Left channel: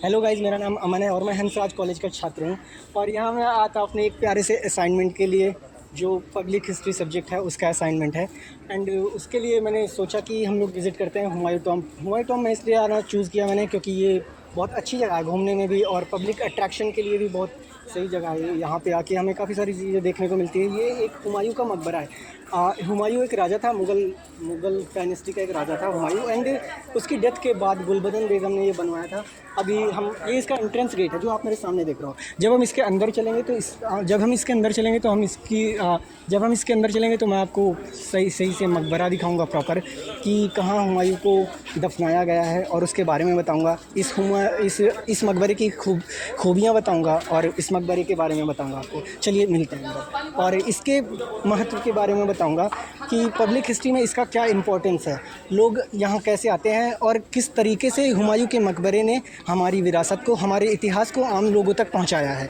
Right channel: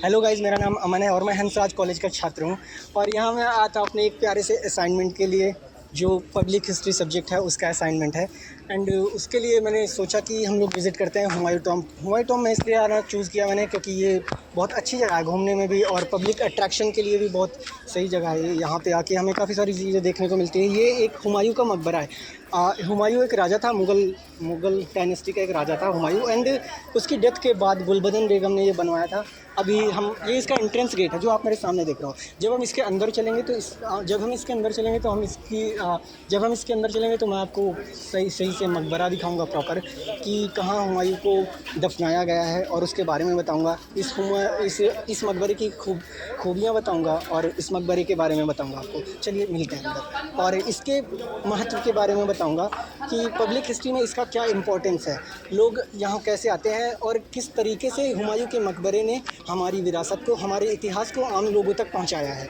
Hello guys, मेरा नाम अमन है और मैं हंसराज कॉलेज का छात्र हूँ। और यहाँ मैं आया था अपने एक प्यारे से असाइनमेंट के लिए, जो पब्लिक हिस्ट्री सब्जेक्ट है उसका असाइनमेंट है। एंड उसके लिए मैंने सोचा कि हम लोग विज़िट करते हैं हुमायूं टॉम्ब। हुमायूं टॉम्ब में इसलिए आना चूज़ किया मैंने क्योंकि ये बहुत अच्छी जगह है घूमने में भी, और पब्लिक अट्रैक्शन के लिए भी बहुत सही जगह है। यहाँ पे आके हमें काफ़ी सारी चीज़ें देखने को मिलती है। ये एक हुमायूं का मकबरा है। हुमायूं एक राजा था, मुग़ल डायनेस्टी का एक राजा था हुमायूं। एंड उसकी डेथ के बाद गुलबदन बेगम ने ये बनवाया था। अभी हम ये इसका एंट्रेंस गेट है जो आप मेरे सामने देख रहे हो। जब हम इसके अंदर चलेंगे तो जब हम इसके अंदर चलेंगे तो मैं आपको सही से मकबरा दिखाऊंगा प्रॉपर, कि कहाँ हुमायूं को दफनाया गया है, और उसके बारे में बताऊंगा। इस मकबरे की खूबियाँ बताऊंगा और इस मकबरे के बारे में बताऊंगा आपको। चलिए मिलते हैं अंदर, और इसके महत्व के बारे में बताऊंगा कि पब्लिक हिस्ट्री में इसका क्या इम्पोर्टेंस है, लोग यहाँ कैसे आते हैं, और किस तरीके से हुमायूं के मकबरे ने हमारी विरासत को, हमारे इतिहास को आम लोगों तक पहुँचाया है।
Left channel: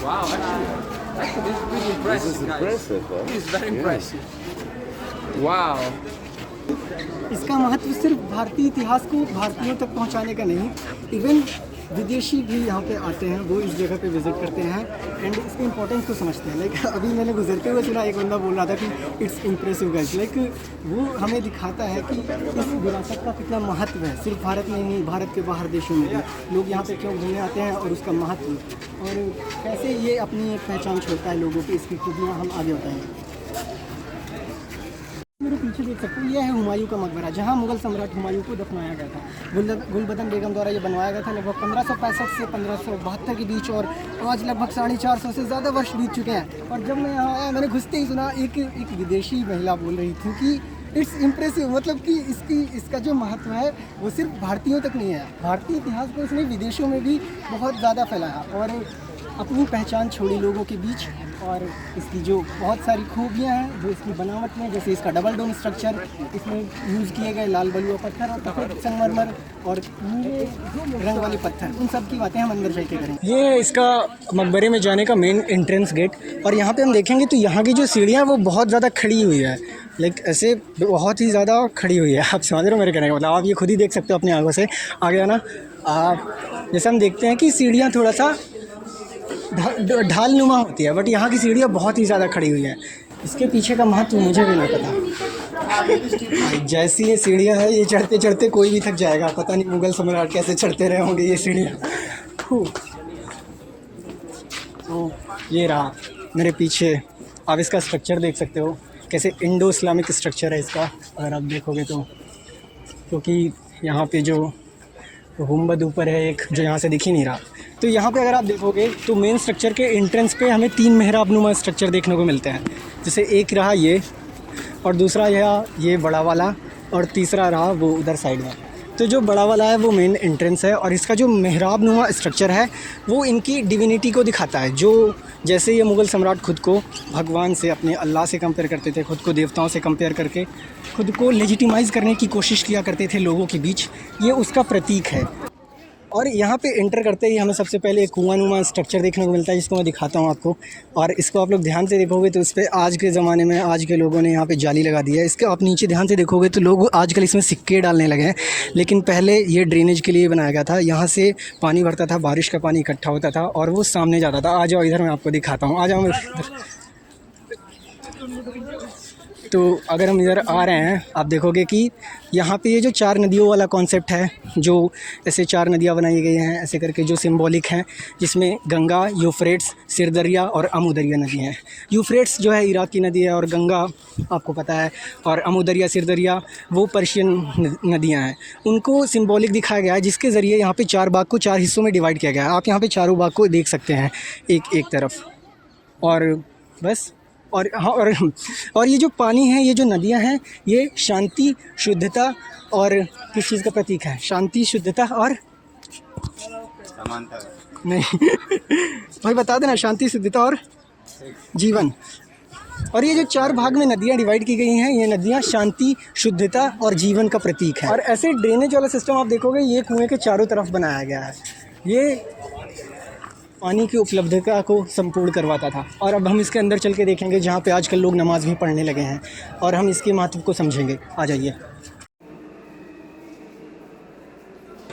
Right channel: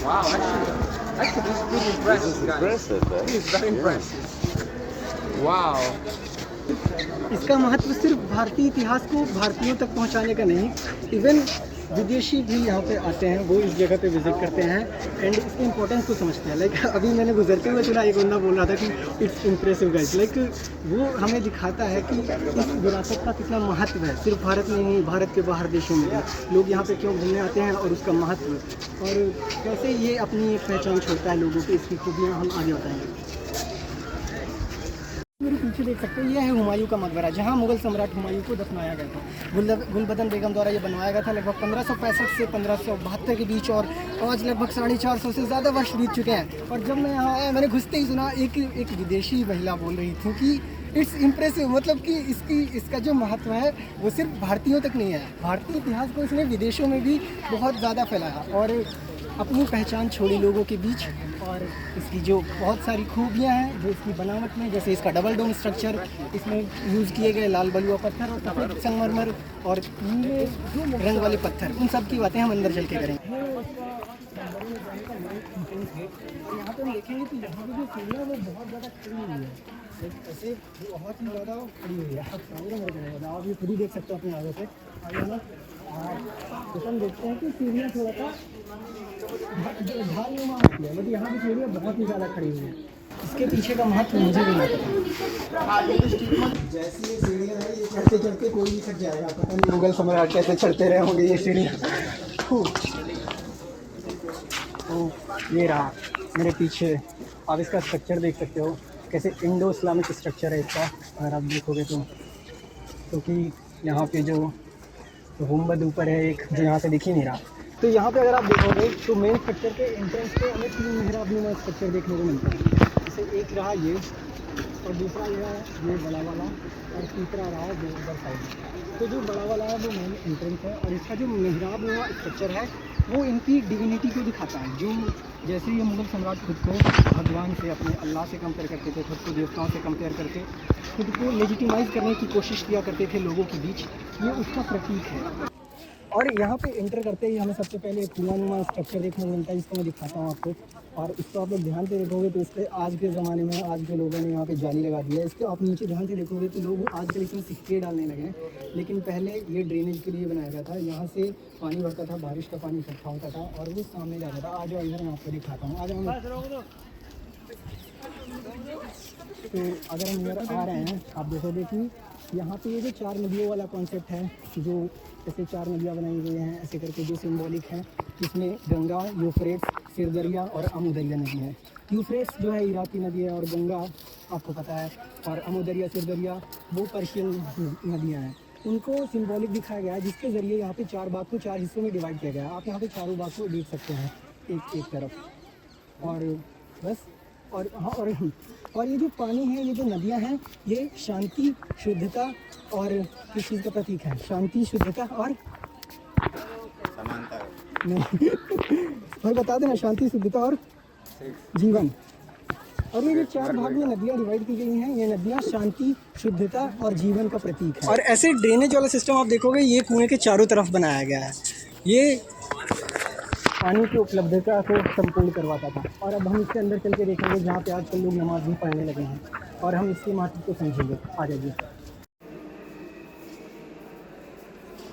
Wow, actually, this is impressive, guys. This is very impressive. Wow. इसका महत्व सिर्फ भारतीय इतिहास को भारतीयों तक पहुंचाने का नहीं, इवन विदेशी भी यहाँ पे आते हैं, वो इस जगह पे विज़िट करते हैं एंड इसकी इम्पोर्टेंस को समझते हैं। लाइक अभी मैंने गुजरते हुए सुना, एक बंदा बोल रहा था कि इट्स इम्प्रेसिव गाइस। लाइक वो हमें दिखाता है कि इस विरासत का कितना महत्व है। सिर्फ भारत में नहीं, भारत के बाहर देशों में भी लोग यहाँ पे क्यों घूमने आते हैं, और उसका महत्व, और कैसे ये अपनी पहचान छोड़ता है लोगों की। इसकी खूबियाँ हम आगे बताएंगे। मेरे पीछे देख सकते हो, ये है हुमायूं का मकबरा, जहाँ मुग़ल सम्राट हुमायूं को दफनाया गया था। गुलबदन बेगम द्वारा ये बनवाया गया था लगभग 1565 से 1572 के बीच, और आज लगभग 450 से ज़्यादा वर्ष बीत चुके हैं। और जब मैं यहाँ आया, मैंने घुसते ही सुना एक विदेशी महिला बोल रही थी कि इट्स इम्प्रेसिव, मतलब कि इसका जो महत्व है वो सिर्फ भारतीयों तक नहीं है, भारतीय इतिहास को इसने विदेशों में भी बहुत ज़्यादा फैलाया और अपनी पहचान छोड़ी लोगों के बीच। और इसकी जो बहुत सारी खूबियाँ हैं जो इसकी बनावट में, जैसे इसका डबल डोम स्ट्रक्चर, इसमें यूज़ किए गए लाल बलुआ पत्थर और सफ़ेद संगमरमर और नीले रंग वाले पत्थर, उन सब की बातें हम अंदर चल के करेंगे। ये इसका मकबरे में जाने का मेन एंट्रेंस गेट, और यहाँ पे हम देखेंगे तो यहाँ की जो सीढ़ियाँ वो बहुत ज़्यादा खड़ी हुई है। लाइक ऐसे बहुत ही ज़्यादा खड़ी हुई है। आप समझ रहे हो मेरे कहने का मतलब, आप ये खुद ही देख सकते हो अपनी आंखों से। आगे आना, जैसे हम देखते हैं कि सीढ़ियाँ थोड़ा सा ढाल नुमा होती है, बट यहाँ की सीढ़ियाँ बहुत ही ज़्यादा खड़ी हुई है। इसके पीछे का महत्व मुझे भी नहीं पता। जैसी ये सीढ़ियाँ है, ये चढ़ते चढ़ते कोई भी थक जाएगा। पता नहीं मुग़ल सम्राट कैसे चढ़ते रहे होंगे ये सीढ़ियाँ। ये रहा मेरे पीछे, आप इसका स्ट्रक्चर देख सकते हो, कैसे इंडो इस्लामिक स्ट्रक्चर है इसका अगर आप देखोगे तो। क्योंकि यहाँ पे जो गुंबद ऊपर है एक, जो यहाँ से दिख ही नहीं रहा, तो यहाँ पे अगर आप देखोगे तो मेन स्ट्रक्चर के एंट्रेंस पे हमें 3 मेहराब नुमा स्ट्रक्चर देखने को मिलते हैं। जैसे एक रहा ये, और दूसरा ये बड़ा वाला, और तीसरा रहा वो उधर साइड में। तो जो बड़ा वाला है वो मेन एंट्रेंस है, और इसका जो मेहराब नुमा स्ट्रक्चर है वो इनकी डिविनिटी को दिखाता है। जो जैसे ये मुग़ल सम्राट खुद को भगवान से, अपने अल्लाह से कंपेयर करते थे, खुद को देवताओं से कंपेयर करके खुद को लेजिटिमाइज़ करने की कोशिश किया करते थे लोगों के बीच, ये उसका प्रतीक है। और यहाँ पे एंटर करते ही हमें सबसे पहले एक कुआं नुमा स्ट्रक्चर देखने को मिलता है, जिसको मैं दिखाता हूँ आपको। और इसको आप लोग ध्यान से देखोगे तो इस पर आज के ज़माने में आज के लोगों ने यहाँ पे जाली लगा दी है। इसके आप नीचे ध्यान से देखोगे तो लोग आजकल इसमें सिक्के डालने लगे हैं, लेकिन पहले ये ड्रेनेज के लिए बनाया गया था। यहाँ से पानी भरता था, बारिश का पानी इकट्ठा होता था और वो सामने जाता था। आ जाओ इधर, मैं आपको दिखाता हूँ, आ जाओ। तो अगर हम इधर आ रहे हैं, आप देखोगे कि यहाँ पे ये जो 4 नदियों वाला कॉन्सेप्ट है, जो ऐसे 4 नदियाँ बनाई गई हैं ऐसे करके, जो सिंबॉलिक हैं, जिसमें गंगा, यूफ्रेट्स, सिरदरिया और अमूदरिया नदी हैं। यूफ्रेट्स जो है इराक की नदी है, और गंगा आपको पता है, और अमूदरिया, सिरदरिया वो पर्शियन नदियाँ हैं। उनको सिंबॉलिक दिखाया गया है, जिसके ज़रिए यहाँ पे 4 बाग को 4 हिस्सों में डिवाइड किया गया है। आप यहाँ पे चारों बाग को देख सकते हैं एक तरफ, और बस। और हाँ, और ये जो पानी है, ये जो नदियाँ हैं, ये शांति, शुद्धता और किस चीज़ का प्रतीक है? शांति, शुद्धता और समानता। नहीं भाई बता देना, शांति, शुद्धता और जीवन। और ये जो 4 भाग में नदियाँ डिवाइड की गई हैं, ये नदियाँ शांति, शुद्धता और जीवन का प्रतीक है। और ऐसे ड्रेनेज वाला सिस्टम आप देखोगे, ये कुएँ के चारों तरफ बनाया गया है। ये पानी की उपलब्धता को संपूर्ण करवाता था। और अब हम इसके अंदर चल के देखेंगे जहाँ पे आजकल लोग नमाज़ भी पढ़ने लगे हैं, और हम इसके महत्व को समझेंगे। आ जाइए।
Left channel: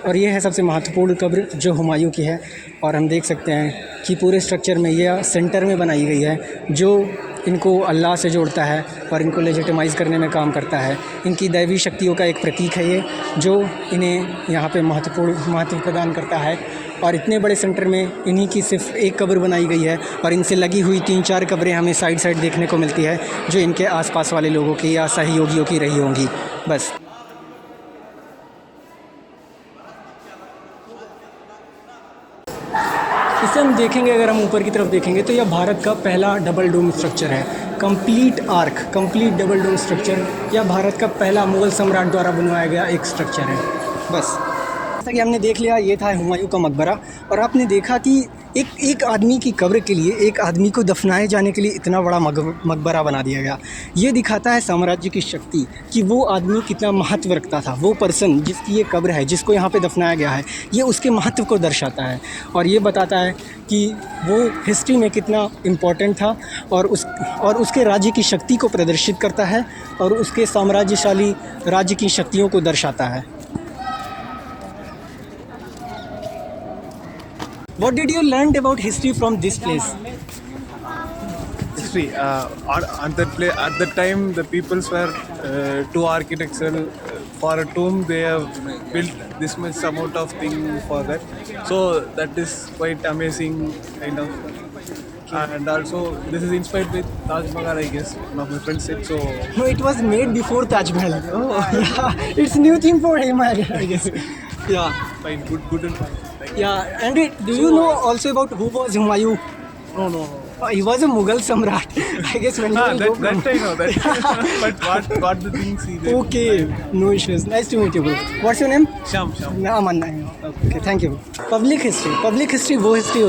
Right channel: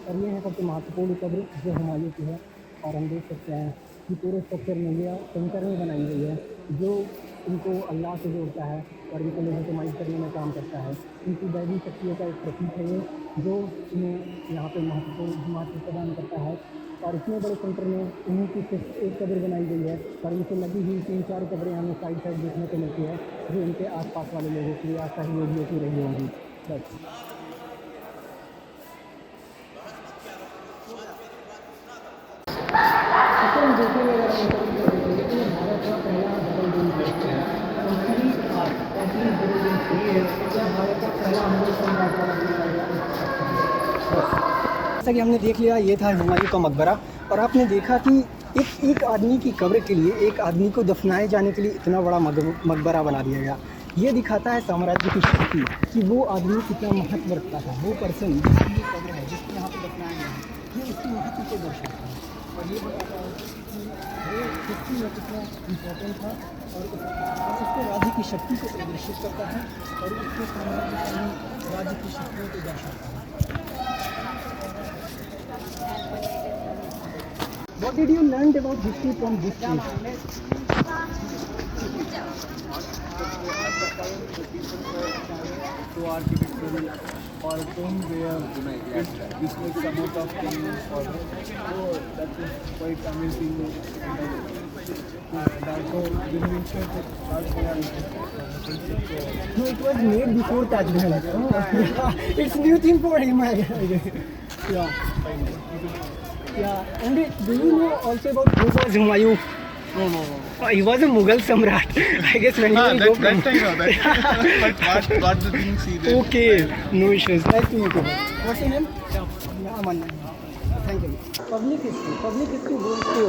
और ये है सबसे महत्वपूर्ण कब्र जो हुमायूं की है, और हम देख सकते हैं कि पूरे स्ट्रक्चर में ये सेंटर में बनाई गई है, जो इनको अल्लाह से जोड़ता है और इनको लेजिटिमाइज़ करने में काम करता है। इनकी दैवी शक्तियों का एक प्रतीक है ये, जो इन्हें यहाँ पे महत्व प्रदान करता है। और इतने बड़े सेंटर में इन्हीं की सिर्फ एक कब्र बनाई गई है, और इनसे लगी हुई 3-4 कब्रें हमें साइड साइड देखने को मिलती है, जो इनके आसपास वाले लोगों की या सहयोगियों की रही होंगी। बस। इसे हम देखेंगे, अगर हम ऊपर की तरफ देखेंगे तो यह भारत का पहला डबल डोम स्ट्रक्चर है। कंप्लीट डबल डोम स्ट्रक्चर यह भारत का पहला मुग़ल सम्राट द्वारा बनवाया गया एक स्ट्रक्चर है। बस, जैसा कि हमने देख लिया, ये था हुमायूं का मकबरा। और आपने देखा कि एक आदमी की कब्र के लिए, एक आदमी को दफनाए जाने के लिए इतना बड़ा मकबरा बना दिया गया। ये दिखाता है साम्राज्य की शक्ति, कि वो आदमी कितना महत्व रखता था। वो पर्सन जिसकी ये कब्र है, जिसको यहाँ पे दफनाया गया है, ये उसके महत्व को दर्शाता है, और ये बताता है कि वो हिस्ट्री में कितना इम्पोर्टेंट था, और उसके राज्य की शक्ति को प्रदर्शित करता है, और उसके साम्राज्यशाली राज्य की शक्तियों को दर्शाता है। What did you learn about history from this place? History. At that time, the peoples were too architectural. For a tomb, they have built this much amount of thing for that. So that is quite amazing, kind of. And also, this is inspired with Taj Mahal, I guess. One of my friends said so. No, it was made before Taj Mahal. Yeah, it's new thing for him, I guess. Yeah. Fine, good. Yeah, and do you know also about who was Humayun? No. He was a Mughal Samrat. I guess when you will go from... But got the things he did. Okay, no issues. Nice to meet you. What's your name? Sham. Aman. Okay, thank you. Public history वो history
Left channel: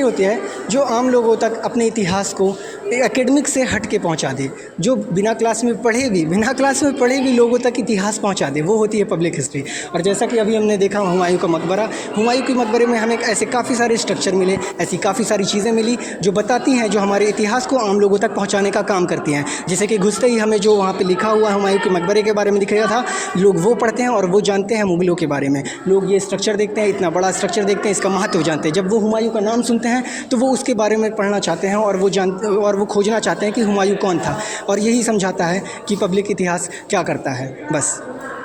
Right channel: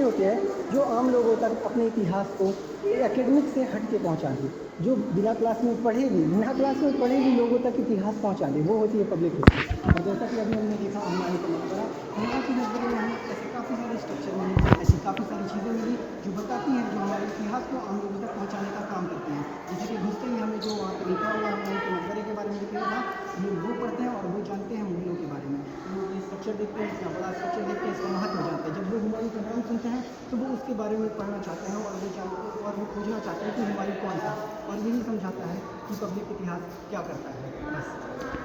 होती है जो आम लोगों तक अपने इतिहास को एकेडमिक से हट के पहुंचा दे, जो बिना क्लास में पढ़े भी लोगों तक इतिहास पहुंचा दे, वो होती है पब्लिक हिस्ट्री। और जैसा कि अभी हमने देखा हुमायूं का मकबरा, हुमायूं के मकबरे में हमें ऐसे काफ़ी सारे स्ट्रक्चर मिले, ऐसी काफ़ी सारी चीज़ें मिली जो बताती हैं, जो हमारे इतिहास को आम लोगों तक पहुँचाने का काम करती हैं। जैसे कि घुसते ही हमें जो वहाँ पर लिखा हुआ हुमायूं के मकबरे के बारे में दिखाया था, लोग वो पढ़ते हैं और वो जानते हैं मुग़लों के बारे में। लोग ये स्ट्रक्चर देखते हैं, इतना बड़ा स्ट्रक्चर देखते हैं, इसका महत्व जानते हैं। जब वो हुमायूं का नाम सुनते हैं तो वो उसके बारे में पढ़ना चाहते हैं, और वो खोजना चाहते हैं कि हुमायूं कौन था। और यही समझाता है कि पब्लिक इतिहास क्या करता है। बस।